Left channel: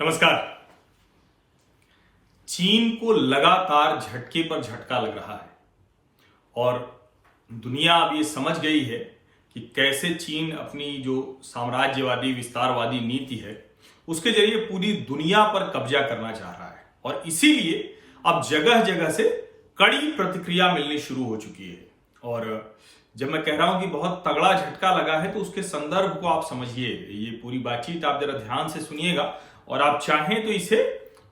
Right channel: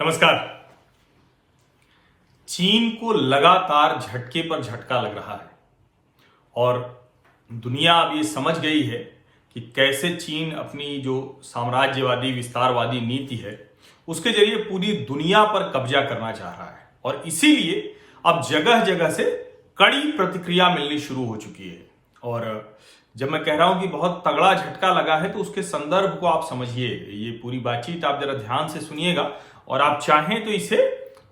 नमस्कार। चीन को लगातार झटके पर झटका लग रहा है और दुनिया अब ये समझ गई है कि कैसे चीन अपनी जो साम्राज्यवादी विस्तारवादी नीति है उसके जरिए पूरी दुनिया पर कब्जा करना चाह रहा है और इसीलिए अब जगह जगह से कड़ी प्रतिक्रिया मिलनी शुरू हो चुकी है। और जब मैं कह रहा हूं कि बहुत तगड़ा झटका लगा है तो उसके संदर्भ को आप समझिए। ये पूरी बातचीत आप जरा ध्यान से सुनिएगा और आप चाहें तो इसे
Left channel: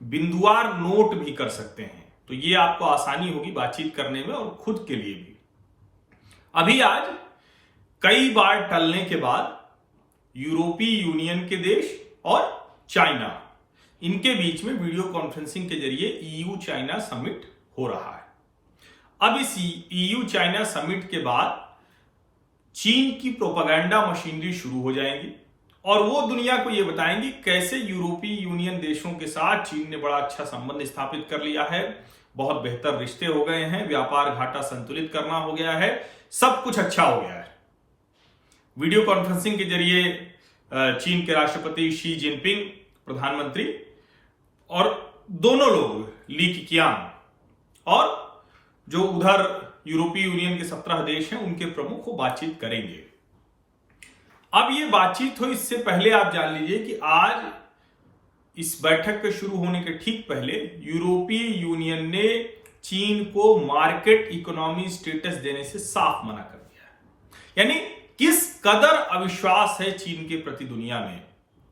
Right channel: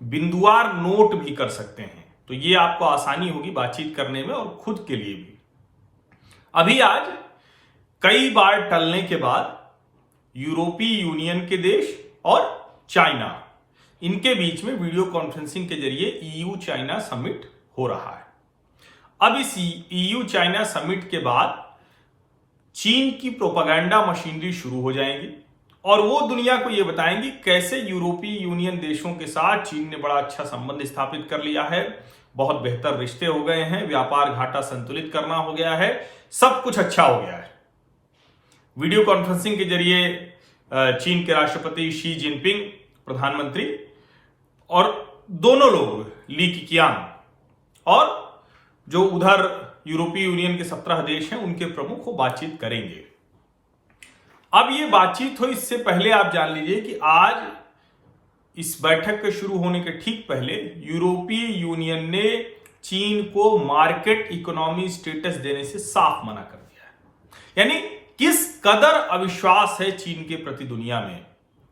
बिंदुवार नोट भी कर सकते हैं, तो ये आपको आसानी होगी बातचीत करने में और खुद के लिए भी। अभी आज कई बार टलने के बाद यूरोपीय यूनियन के देश और चाइना, इनके बीच में वीडियो कॉन्फ्रेंसिंग के जरिए ईयू चाइना समिट हो रहा है। अब इस ईयू चाइना समिट के बाद चीन की प्रोपेगेंडा मशीनरी शुरू हो जाएगी और वो दुनिया को ये बताएंगे कैसे यूरोपीय यूनियन देशों के साथ चीन ने बड़ा अच्छा संबंध स्थापित कर लिया है, बहुत बेहतर रिश्ते हो गए हैं, व्यापार घाटा संतुलित करना हो गया है, सब कुछ अच्छा हो गया है। वीडियो कॉन्फ्रेंसिंग के जरिए चीन के राष्ट्रपति शी जिनपिंग, प्रधानमंत्री और दोनों लोग ली केकियांग और जो उधर यूरोपीय यूनियन के 17 देश हैं उनके प्रमुख को बातचीत करेंगे। अब ये बातचीत हो इससे पहले आप जान लीजिए कि आज इस बैठक के शुरू होने के ठीक पहले यूरोपीय यूनियन ने चीन को मार्केट इकोनॉमी स्टेटस देने से साफ मना कर दिया है। यानी किस कदर अविश्वास है चीन के प्रति दुनिया में,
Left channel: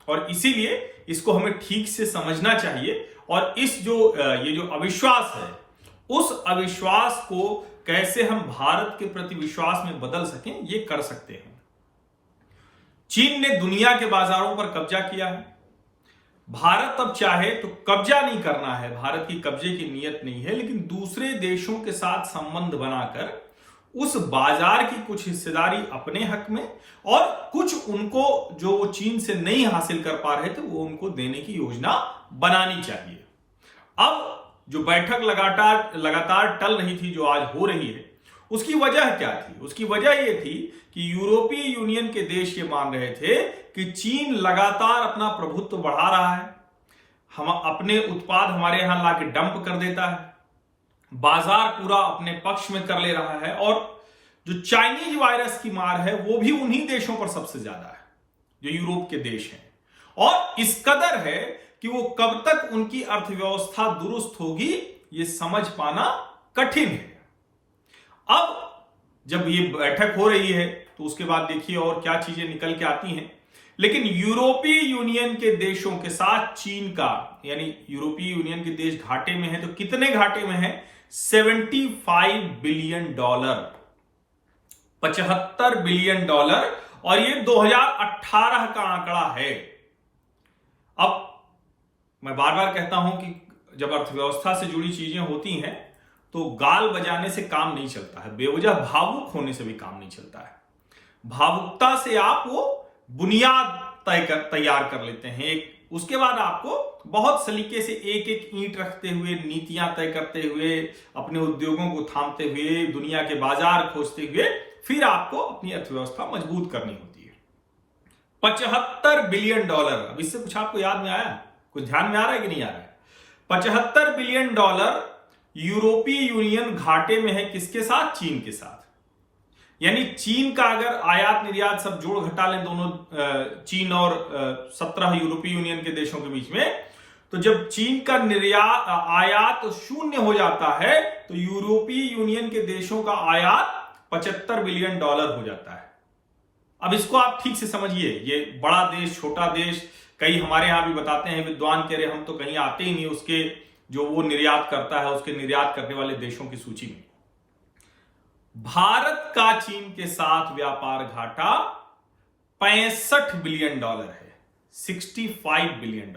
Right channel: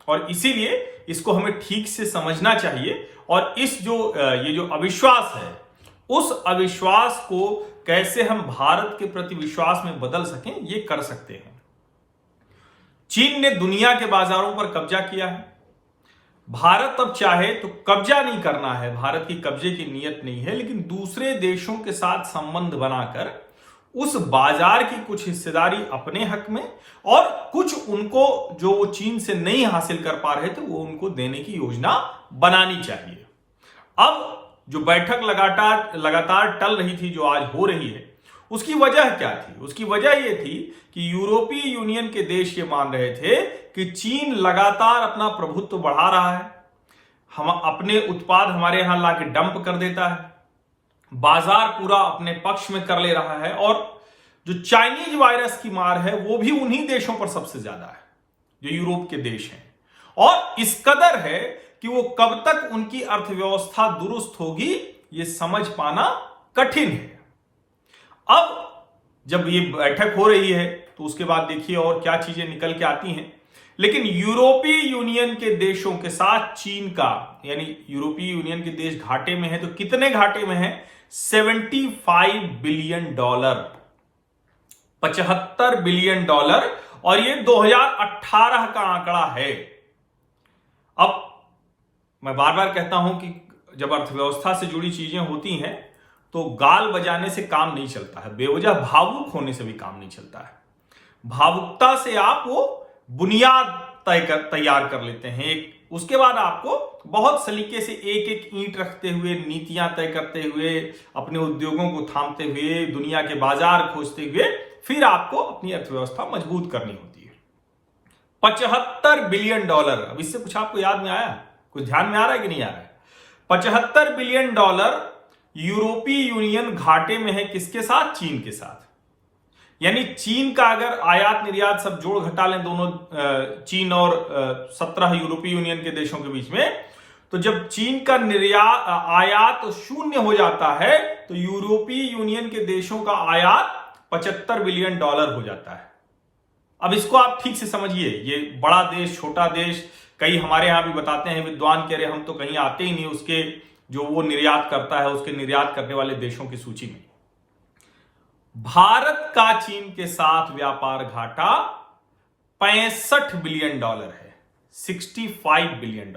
और इसीलिए इसको हमें ठीक से समझना चाहिए और इस ये जो अविश्वास है उस अविश्वास को कैसे हम भारत के प्रति विश्वास में बदल सकें, ये कर सकते हैं। चीन ने दुनिया के बाजारों पर कब्जा किया है। भारत अब चाहे तो कब्जा नहीं करना है, भारत की कब्जे की नीयत नहीं है, लेकिन दूसरे देशों के साथ संबंध बनाकर उस बाजार की कुछ हिस्सेदारी अपने हक में और कुछ उनको जो वो चीन से नहीं हासिल कर पा रहे थे वो उनको देने की योजना बनानी चाहिए। अब जो बैठक लगातार टल रही थी, जो आज हो रही है, उसकी वजह क्या थी? उसकी वजह यह थी कि यूरोपीय यूनियन के देश ये मान रहे थे कि चीन लगातार अपना प्रभुत्व बढ़ा रहा है, हम अपने उत्पाद हमारे यहां लाके डंप कर देता है, बाजार पूरा अपने पक्ष में कर ले रहा है और जो चाइनीज वायरस की मार है वो भी उन्हीं देशों पर सबसे ज्यादा है जो यूरोप के देश हैं, और इस कदर है कि वो कब तक उनकी अर्थव्यवस्था दुरुस्त होगी ये समझ पाना कठिन है। अब जब ये बैठक हो रही है तो उसके बाद देखिए और क्या चीजें निकल के आती हैं। लेकिन यूरोपीय यूनियन के देशों के साथ चीन का, यानी यूरोपीय यूनियन के देश घाटे में है, तो कितने घाटे में है? $75 बिलियन, $75 बिलियन, और ये 2018 का आंकड़ा है। अब मैं बार बार कहता हूं कि जब अर्थव्यवस्था से जुड़ी चीजें होती हैं तो गाल बजाने से काम नहीं चलता है, बेवजह भावुक होने से भी काम नहीं चलता है। भावुकता से आप वो बुनियाद तैयार कर लेते हैं, उसके बाद आपको बहुत सलीके से एक एक ईंट रखते हुए, नीतियां तय करते हुए, अपने उद्योगों को थामते हुए, दुनिया के बाजार खोजते हुए फिर आपको अपनी अर्थव्यवस्था मजबूत करनी होती है। $75 बिलियन, अब इससे कुछ आपको याद में आया, कुछ ध्यान में आ रहा है कि नहीं आ रहा है? $75 बिलियन यूरोपीय यूनियन घाटे में है, किसके साथ? चीन के साथ। यानी चीन का अगर आयात निर्यात सब जोड़ घटा लें दोनों, चीन और 17 यूरोपीय यूनियन के देशों के बीच में, तो जब चीन का आयात शून्य हो जाता है तो यूरोपीय यूनियन के देशों का आयात $75 बिलियन हो जाता है। अब इसको आप ठीक से समझिए, ये बड़ा देश, छोटा देश, कई हमारे यहां भी बताते हैं विद्वान, कह रहे हम तो कहीं आते ही नहीं उसके जो वो निर्यात करता है उसके निर्यात करने वाले देशों की सूची में। भारत का चीन के साथ व्यापार घाटा $65 बिलियन है, $65 बिलियन।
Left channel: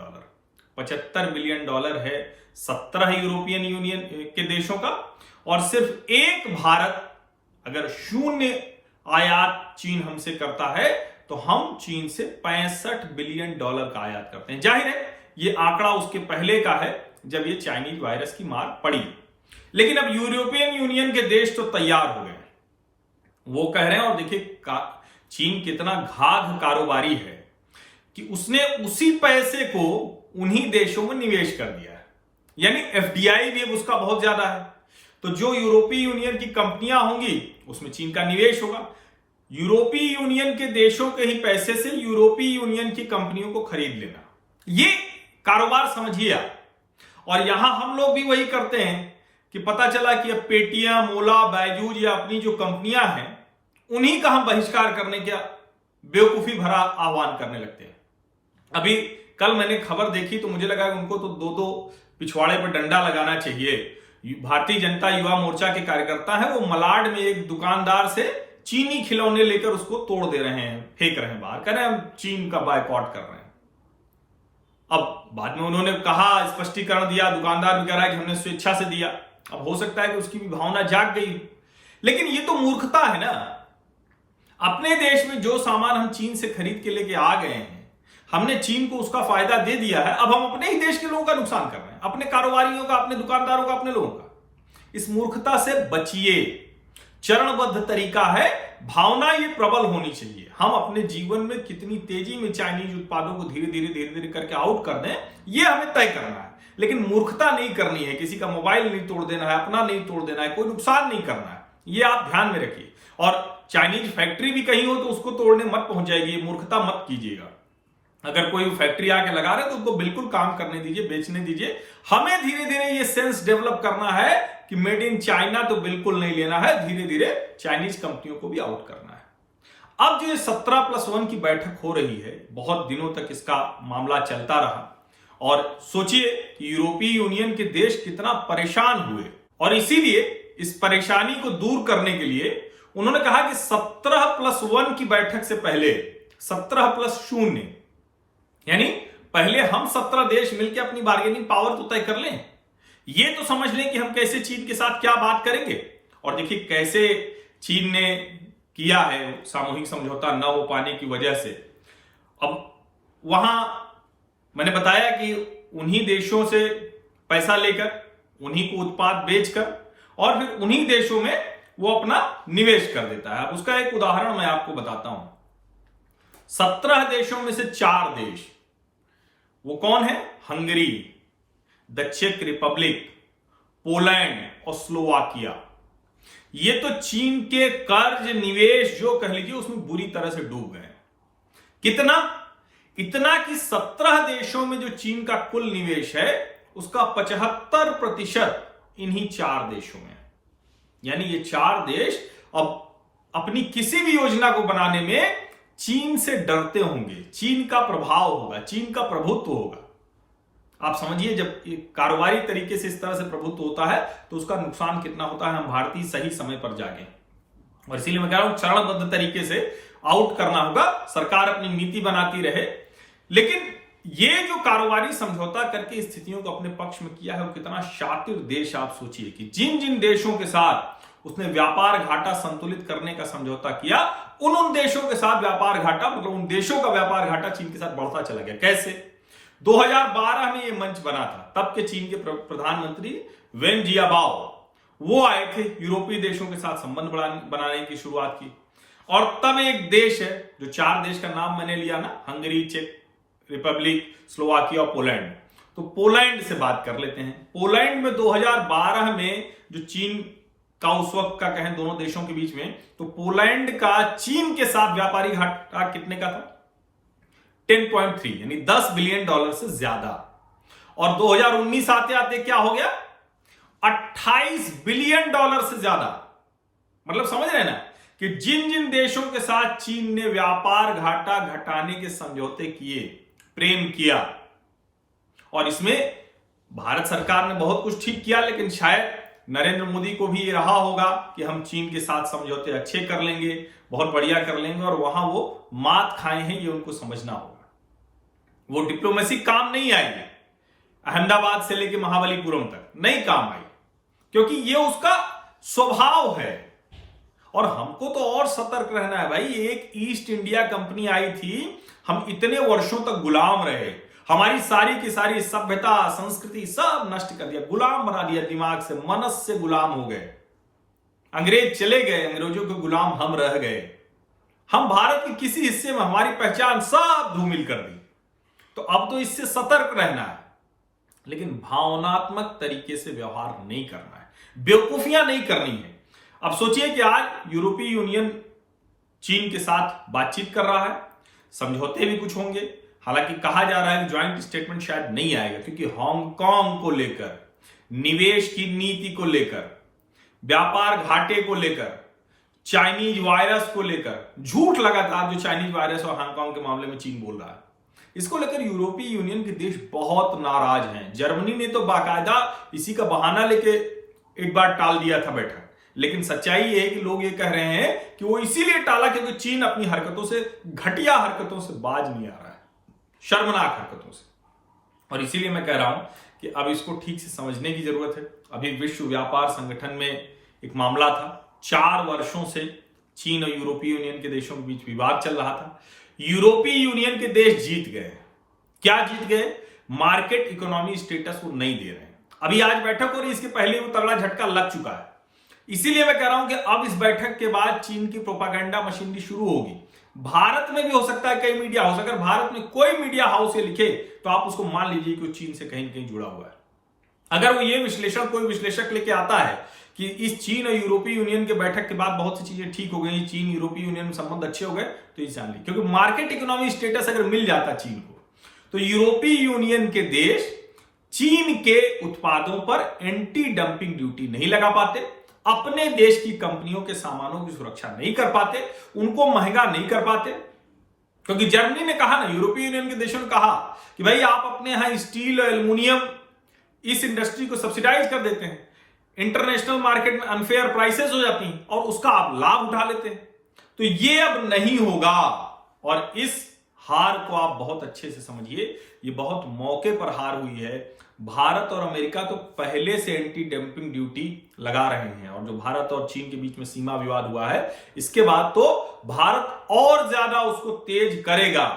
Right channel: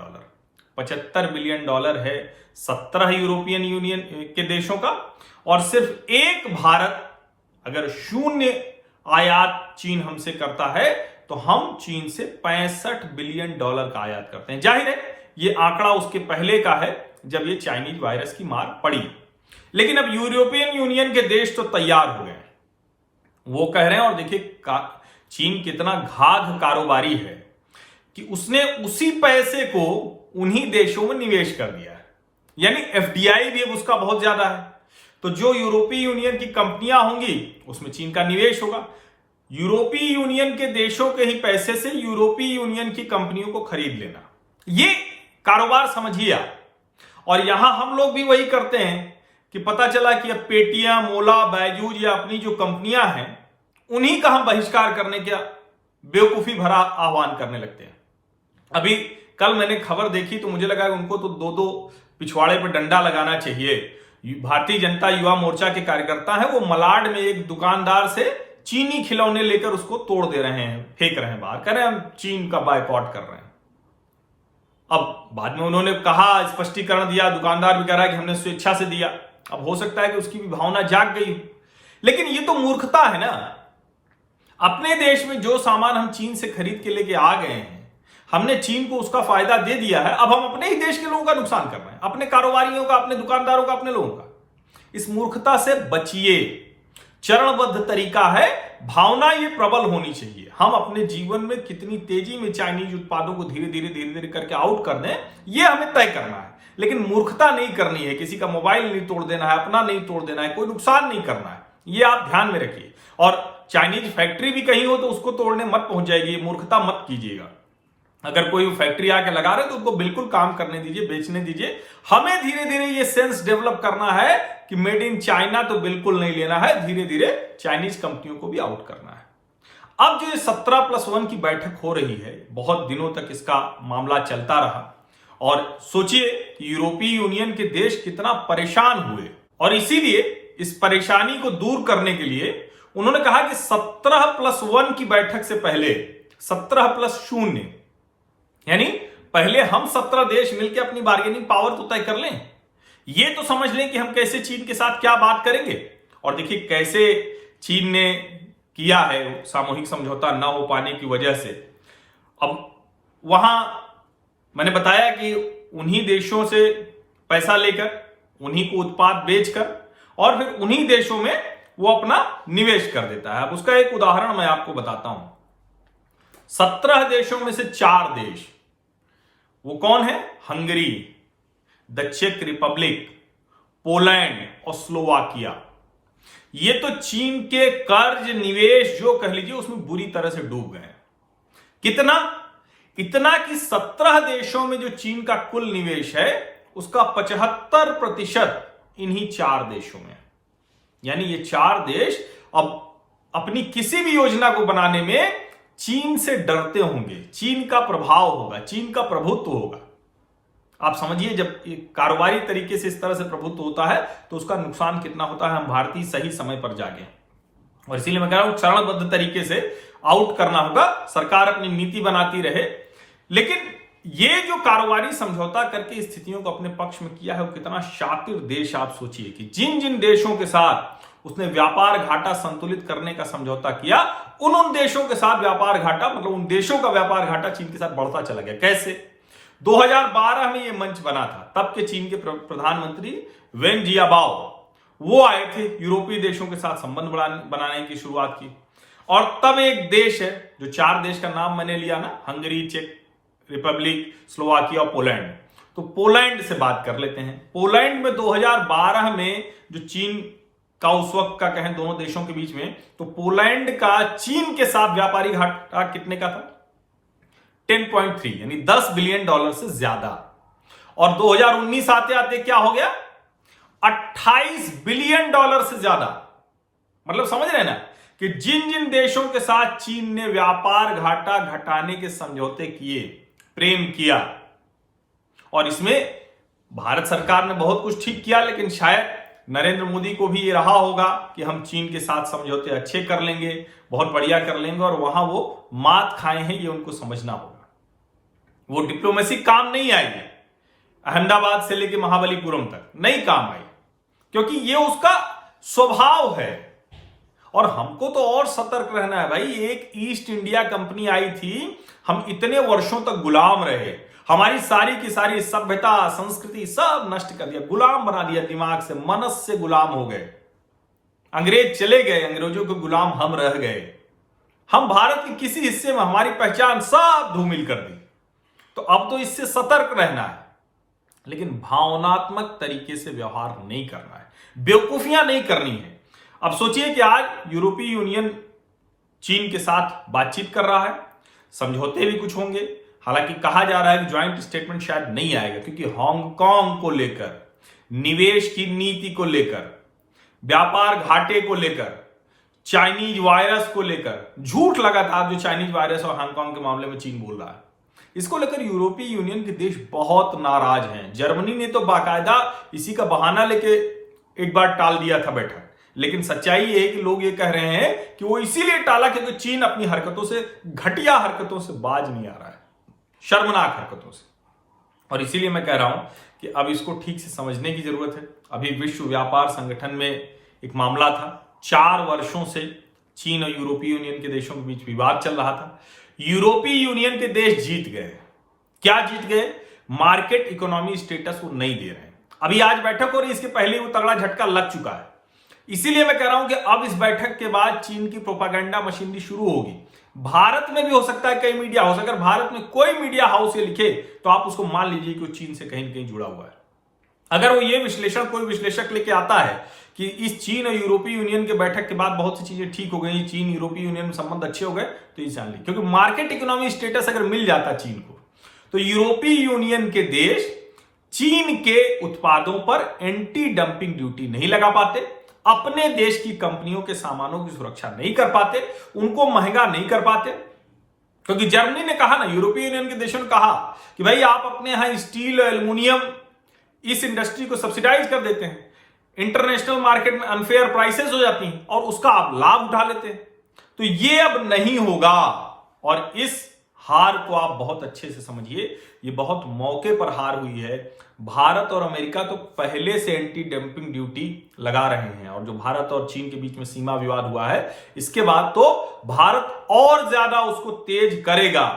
$75 बिलियन है 17 यूरोपियन यूनियन के देशों का, और सिर्फ एक भारत अगर शून्य आयात चीन हमसे करता है तो हम चीन से $65 बिलियन का आयात करते हैं। जाहिर है ये आंकड़ा उसके पहले का है जब ये चाइनीज वायरस की मार पड़ी, लेकिन अब यूरोपियन यूनियन के देश तो तैयार हो गए, वो कह रहे हैं, और देखिए चीन कितना घाघ कारोबारी है कि उसने उसी पैसे को उन्हीं देशों में निवेश कर दिया है, यानी एफडीआई भी अब उसका बहुत ज्यादा है। तो जो यूरोपीय यूनियन की कंपनियां होंगी उसमें चीन का निवेश होगा। यूरोपीय यूनियन के देशों के ही पैसे से यूरोपीय यूनियन की कंपनियों को खरीद लेना, ये कारोबार समझिए आप। और यहां हम लोग भी वही करते हैं कि पता चला कि अब पेटीएम, ओला, बायजूस या अपनी जो कंपनियां हैं उन्हीं का हम बहिष्कार करने का बेवकूफी भरा आह्वान करने लगते हैं। अभी कल मैंने खबर देखी तो मुझे लगा उनको तो दो पिछवाड़े पर डंडा लगाना चाहिए। भारतीय जनता युवा मोर्चा के कार्यकर्ता हैं, वो मलाड में एक दुकानदार से चीनी खिलौने लेकर उसको तोड़ दे रहे हैं, फेंक रहे हैं बाहर, कह रहे हैं हम चीन का बायकॉट कर रहे हैं। अब बाद में उन्होंने कहा, स्पष्टीकरण दिया, दुकानदार भी कह रहा है कि हमने स्वेच्छा से दिया। अब हो सकता है कि उसकी भी भावना जाग गई, लेकिन ये तो मूर्खता है ना। अपने देश में जो सामान हम चीन से खरीद के लेके आ गए हैं, हमने चीन को उसका फायदा दे दिया है, अब हम अपने ही देश के लोगों का नुकसान कर रहे हैं, अपने कारोबारियों का, अपने दुकानदारों का, अपने लोगों का। इस मूर्खता से बचिए। चरणबद्ध तरीका है, भावना ये प्रबल होनी चाहिए। हम अपने जीवन में कितनी तेजी में चाइनीज उत्पादों को धीरे धीरे करके आउट कर दें, ये हमें तय करना है। लेकिन मूर्खता नहीं करनी है, किसी का मोबाइल नहीं तोड़ देना है, अपना नहीं तोड़ देना है, कोई नुकसान नहीं करना है, ये आप ध्यान में रखिए। और चाइनीज फैक्ट्री भी कहीं हो तो उसको तोड़ने मत पहुंच जाएगी, मूर्खता मत कीजिएगा। अगर कोई फैक्ट्री आके लगा रहे तो उनको बिल्कुल काम करने दीजिए, बेचने दीजिए। हमें धीरे धीरे ये सेंस डेवलप करना है कि मेड इन चाइना तो बिल्कुल नहीं लेना है, धीरे धीरे चाइनीज कंपनियों को भी आउट करना है। अब जो 17+1 की बैठक हो रही है, बहुत दिनों तक इसका मामला चलता रहा और सोचिए कि यूरोपीय यूनियन के देश कितना परेशान हुए, और इसीलिए इस परेशानी को दूर करने के लिए उन्होंने कहा कि 17+1 की बैठक से पहले 17+0 यानी पहले हम 17 देश मिलकर अपनी बार्गेनिंग पावर तो तय कर लें, ये तो समझ लें कि हम कैसे चीन के साथ क्या बात करेंगे। और देखिए कैसे चीन ने किया है सामूहिक समझौता न हो पाने की वजह से। अब वहां मैंने बताया कि उन्हीं देशों से पैसा लेकर, उन्हीं को उत्पाद बेचकर और फिर उन्हीं देशों में वो अपना निवेश कर देता है। अब उसका एक उदाहरण मैं आपको बताता हूं। 17 देशों में से 4 देश, वो कौन है? हंगरी, द चेक रिपब्लिक, पोलैंड और स्लोवाकिया। ये तो चीन के कर्ज, निवेश जो कह लीजिए उसमें बुरी तरह से डूब गए। कितना? इतना कि 17 देशों में जो चीन का कुल निवेश है उसका 75% इन्हीं 4 देशों में। यानी ये 4 देश अब अपनी किसी भी योजना को बनाने में चीन से डरते होंगे, चीन का प्रभाव होगा, चीन का प्रभुत्व होगा। आप समझिए जब कारोबारी तरीके से इस तरह से प्रभुत्व होता है तो उसका नुकसान कितना होता है। हम भारतीय सही समय पर जागे, और इसीलिए मैं कह रहा हूं चरणबद्ध तरीके से आउट करना होगा। सरकार अपनी नीति बनाती रहे, लेकिन ये जो कारोबारी समझौता करके स्थितियों को अपने पक्ष में किया है वो कितना शातिर देश। आप सोचिए कि जिन जिन देशों के साथ उसने व्यापार घाटा संतुलित करने का समझौता किया, उन देशों के साथ व्यापार घाटा, मतलब उन देशों का व्यापार घाटा चीन के साथ बढ़ता चला गया। कैसे? 2012 में यह मंच बना था, तब के चीन के प्रधानमंत्री वेन जियाबाओ वो आए थे, यूरोपीय देशों के साथ संबंध बनाने की शुरुआत की। और तब एक देश है जो 4 देश का नाम मैंने लिया ना, हंगरी, चेक रिपब्लिक, स्लोवाकिया और पोलैंड। तो पोलैंड से बात कर लेते हैं। पोलैंड में 2012 में जो चीन का उस वक्त का कहें दोनों देशों के बीच में, तो पोलैंड का चीन के साथ व्यापारिक घाटा कितने का था? 10.3 यानी $10 बिलियन से ज्यादा। और 2019 आते आते क्या हो गया? $28 बिलियन से ज्यादा। मतलब समझ रहे हैं ना कि जिन जिन देशों के साथ चीन ने व्यापार घाटा घटाने के समझौते किए, प्रेम किया, और इसमें भारत सरकार ने बहुत कुछ ठीक किया, लेकिन शायद नरेंद्र मोदी को भी ये रहा होगा कि हम चीन के साथ समझौते अच्छे कर लेंगे, बहुत बढ़िया कर लेंगे, और वहां वो मात खाए हैं ये उनको समझना होगा। वो डिप्लोमेसी काम नहीं आएगी, अहमदाबाद से लेकर महाबलीपुरम तक नहीं काम आई, क्योंकि ये उसका स्वभाव है। और हमको तो और सतर्क रहना है भाई। एक ईस्ट इंडिया कंपनी आई थी, हम इतने वर्षों तक गुलाम रहे, हमारी सारी की सारी सभ्यता, संस्कृति सब नष्ट कर दिया, गुलाम बना दिया, दिमाग से, मनस से गुलाम हो गए। अंग्रेज चले गए, अंग्रेजों के गुलाम हम रह गए। हम भारत के किसी हिस्से में हमारी पहचान सब धूमिल कर दी। तो अब तो इससे सतर्क रहना है, लेकिन भावनात्मक तरीके से व्यवहार नहीं करना है, बेवकूफियां नहीं करनी है। अब सोचिए कि आज यूरोपीय यूनियन चीन के साथ बातचीत कर रहा है, समझौते भी कुछ होंगे। हालांकि कहा जा रहा है कि ज्वाइंट स्टेटमेंट शायद नहीं आएगा, क्योंकि हांगकांग को लेकर, निवेश की नीति को लेकर, व्यापार घाटे को लेकर, चाइनीज वायरस को लेकर, झूठ लगातार जो चाइनीज वायरस और हांगकांग के मामले में चीन बोल रहा है, इसको लेकर यूरोपीय यूनियन के देश बहुत नाराज हैं। जर्मनी ने तो बाकायदा इसी का बहाना लेके एक बार टाल दिया था बैठक, लेकिन सच्चाई ये है कि लोग ये कह रहे हैं कि वो इसीलिए टाला क्योंकि चीन अपनी हरकतों से, घटिया हरकतों से बाज नहीं आ रहा है, शर्मनाक हरकतों से। और इसीलिए मैं कह रहा हूं कि अब इसको ठीक से समझने की जरूरत है। अभी विश्व व्यापार संगठन में एक मामला था, 4 वर्षों से चीन और यूरोपीय यूनियन के देशों के बीच विवाद चल रहा था। यूरोपीय यूनियन के देश जीत गए। क्या जीत गए? मार्केट इकोनॉमी स्टेटस वो नहीं दे रहे हैं। अभी आज बैठक हो रही, इसके पहले वो तगड़ा झटका लग चुका है। इसीलिए मैं कह रहा हूं कि अब इस बैठक के बाद चीन की प्रोपागेंडा मशीनरी शुरू होगी। भारत में भी हो सकता है कई मीडिया हाउस, अगर भारत में कोई मीडिया हाउस ये लिखे तो आप उसको मान लीजिए कि वो चीन से कहीं न कहीं जुड़ा हुआ है। अगर वो ये विश्लेषण कोई विश्लेषक लेके आता है कि इस चीन और यूरोपीय यूनियन के बैठक के बाद बहुत सी चीजें ठीक हो गई, चीन यूरोपीय यूनियन में संबंध अच्छे हो गए, तो ये जान ली, क्योंकि मार्केट इकोनॉमी स्टेटस अगर मिल जाता चीन को, तो यूरोपीय यूनियन के देश चीन के उत्पादों पर एंटी डंपिंग ड्यूटी नहीं लगा पाते, अपने देश की कंपनियों के सामानों की सुरक्षा नहीं कर पाते, उनको महंगा नहीं कर पाते। क्योंकि जर्मनी ने कहा ना, यूरोपीय यूनियन के देशों ने कहा कि भाई आप अपने यहां स्टील और एल्युमिनियम इस इंडस्ट्री को सब्सिडाइज कर देते हैं, इंटरनेशनल मार्केट में अनफेयर प्राइसेस हो जाती हैं और उसका आप लाभ उठा लेते हैं। तो ये अब नहीं होगा, और इस हार को आप बहुत अच्छे से समझिए, ये बहुत मौके पर हार हुई है। भारत और अमेरिका तो पहले से एंटी डंपिंग ड्यूटी लगा रहे हैं, और जो भारत और चीन के बीच में सीमा विवाद हुआ है, इसके बाद तो भारत और ज्यादा उसको तेज करेगा।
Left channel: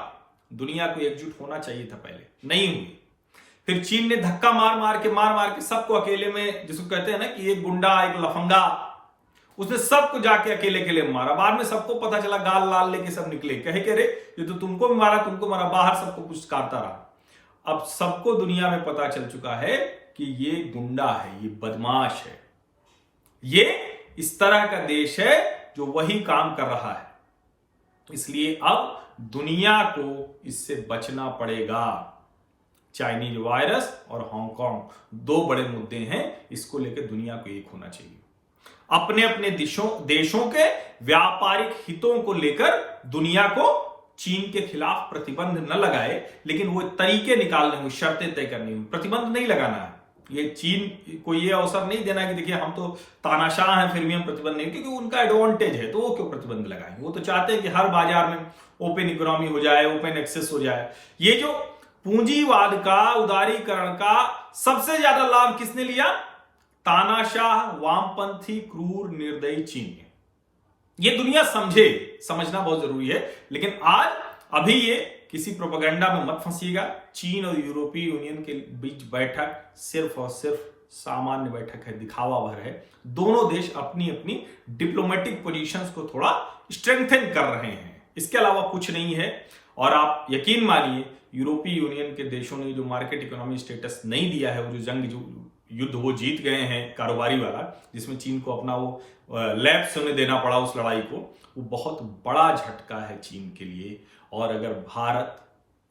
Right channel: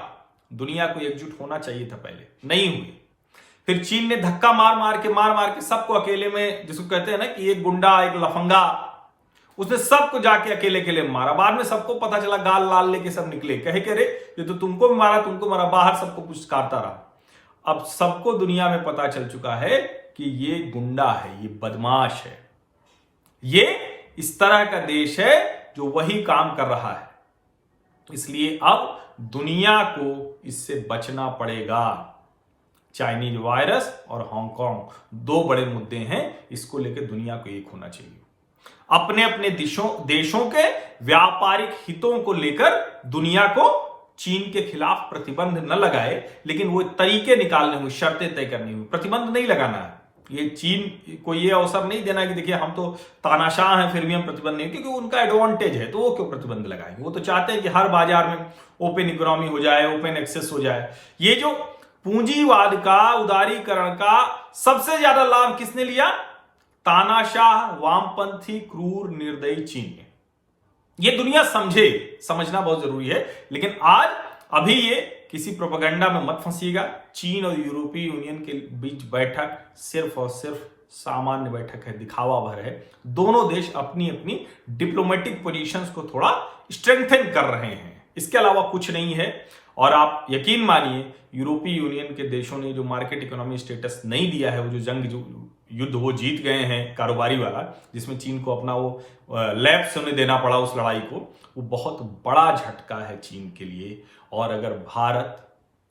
दुनिया को एकजुट होना चाहिए था, पहले नहीं हुई। फिर चीन ने धक्का मार मार के सबको अकेले में, जिसको कहते हैं ना कि एक गुंडा एक लफंगा, उसने सबको जाके अकेले मारा। बाद में सबको पता चला, गाल लाल लेके सब निकले, कहे के रे ये तो तुमको भी मारा, तुमको मारा, बाहर सबको पुचकारता रहा। अब सबको दुनिया में पता चल चुका है कि ये गुंडा है, ये बदमाश है, ये इस तरह का देश है जो वही काम कर रहा है। इसलिए अब दुनिया को इससे बचना पड़ेगा। चाइनीज वायरस और हांगकांग 2 बड़े मुद्दे हैं, इसको लेकर दुनिया को एक होना चाहिए। अपने अपने देशों के व्यापारिक हितों को लेकर दुनिया को चीन के खिलाफ प्रतिबंध न लगाए, लेकिन वो तरीके निकालने हुए, शर्तें तय करनी हुई, प्रतिबंध नहीं लगाना है। ये चीन को ये अवसर नहीं देना है कि देखिए हम तो तानाशाह हैं फिर भी हम प्रतिबंध नहीं, क्योंकि उनका एडवांटेज है, तो वो क्यों प्रतिबंध लगाएंगे। वो तो चाहते हैं कि हर बाजार में ओपन इकोनॉमी हो जाए, ओपन एक्सेस हो जाए। ये जो पूंजीवाद का, उदारीकरण का सबसे ज्यादा लाभ किसने लिया? तानाशाह, वामपंथी, क्रूर, निर्दयी चीन ने। ये दुनिया समझे, समझना बहुत जरूरी है। लेकिन आज अभी ये किसी प्रोपेगेंडा में मत फंसिएगा। चीन और यूरोपीय यूनियन के बीच बैठक सिर्फ और सिर्फ सामान्य बैठक है, दिखावा भर है। दोनों देश अपनी अपनी डिप्लोमेटिक पोजीशंस को थोड़ा स्ट्रेंथन कर रहे हैं, इसके अलावा कुछ नहीं है। और आप यकीन मानिए, यूरोपीय यूनियन के देशों ने जो मार्केट इकोनॉमी स्टेटस नहीं दिया है, वो जो युद्ध वो जीत गए हैं कारोबारी वाला, जिसमें चीन को अपना वो लैप्स होने देना पड़ा उस लड़ाई को, वो बहुत बड़ा झटका है चीन के लिए। और अगर भारत,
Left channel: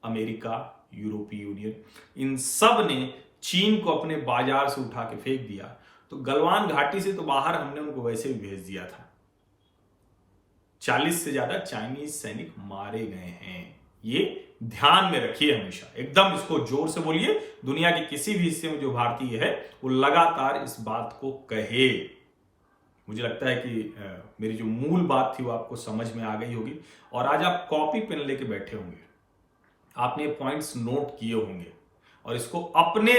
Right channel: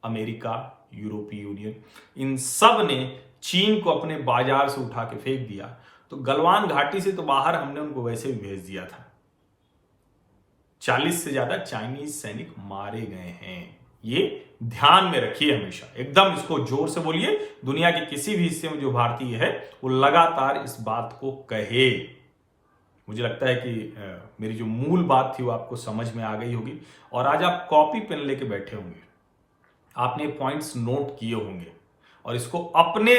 अमेरिका, यूरोपीय यूनियन इन सब ने चीन को अपने बाजार से उठा के फेंक दिया, तो गलवान घाटी से तो बाहर हमने उनको वैसे भी भेज दिया था। 40 से ज्यादा चाइनीज सैनिक मारे गए हैं, ये ध्यान में रखिए हमेशा, एकदम इसको जोर से बोलिए। दुनिया के किसी भी हिस्से में जो भारतीय है वो लगातार इस बात को कहे। मुझे लगता है कि मेरी जो मूल बात थी वो आपको समझ में आ गई होगी, और आज आप कॉपी पेन लेके बैठे होंगे, आपने पॉइंट्स नोट किए होंगे, और इसको अपने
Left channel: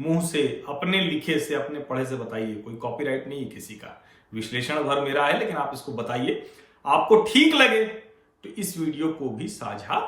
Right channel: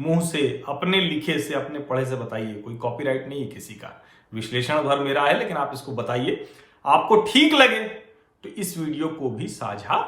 मुंह से, अपने लिखे से, अपने पढ़े से बताइए। कोई कॉपीराइट नहीं है किसी का, विश्लेषण भर मेरा है, लेकिन आप इसको बताइए। आपको ठीक लगे तो इस वीडियो को भी साझा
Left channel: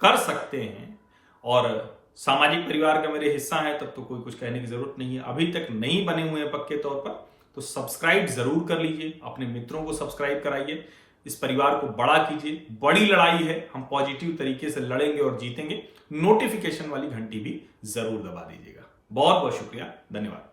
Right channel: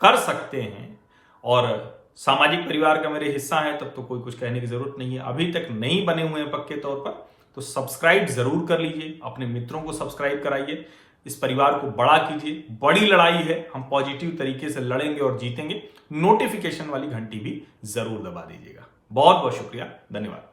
कर सकते हैं, और सामाजिक परिवार का मेरे हिस्सा है तब तो कोई कुछ कहने की जरूरत नहीं है। अभी तक नहीं बने हुए हैं पक्के तौर पर तो सब्सक्राइब जरूर कर लीजिए, अपने मित्रों को सब्सक्राइब कराइए, इस परिवार को बड़ा कीजिए। बड़ी लड़ाई है, हम पॉजिटिव तरीके से लड़ेंगे और जीतेंगे। नोटिफिकेशन वाली घंटी भी जरूर दबा दीजिएगा। बहुत बहुत शुक्रिया, धन्यवाद।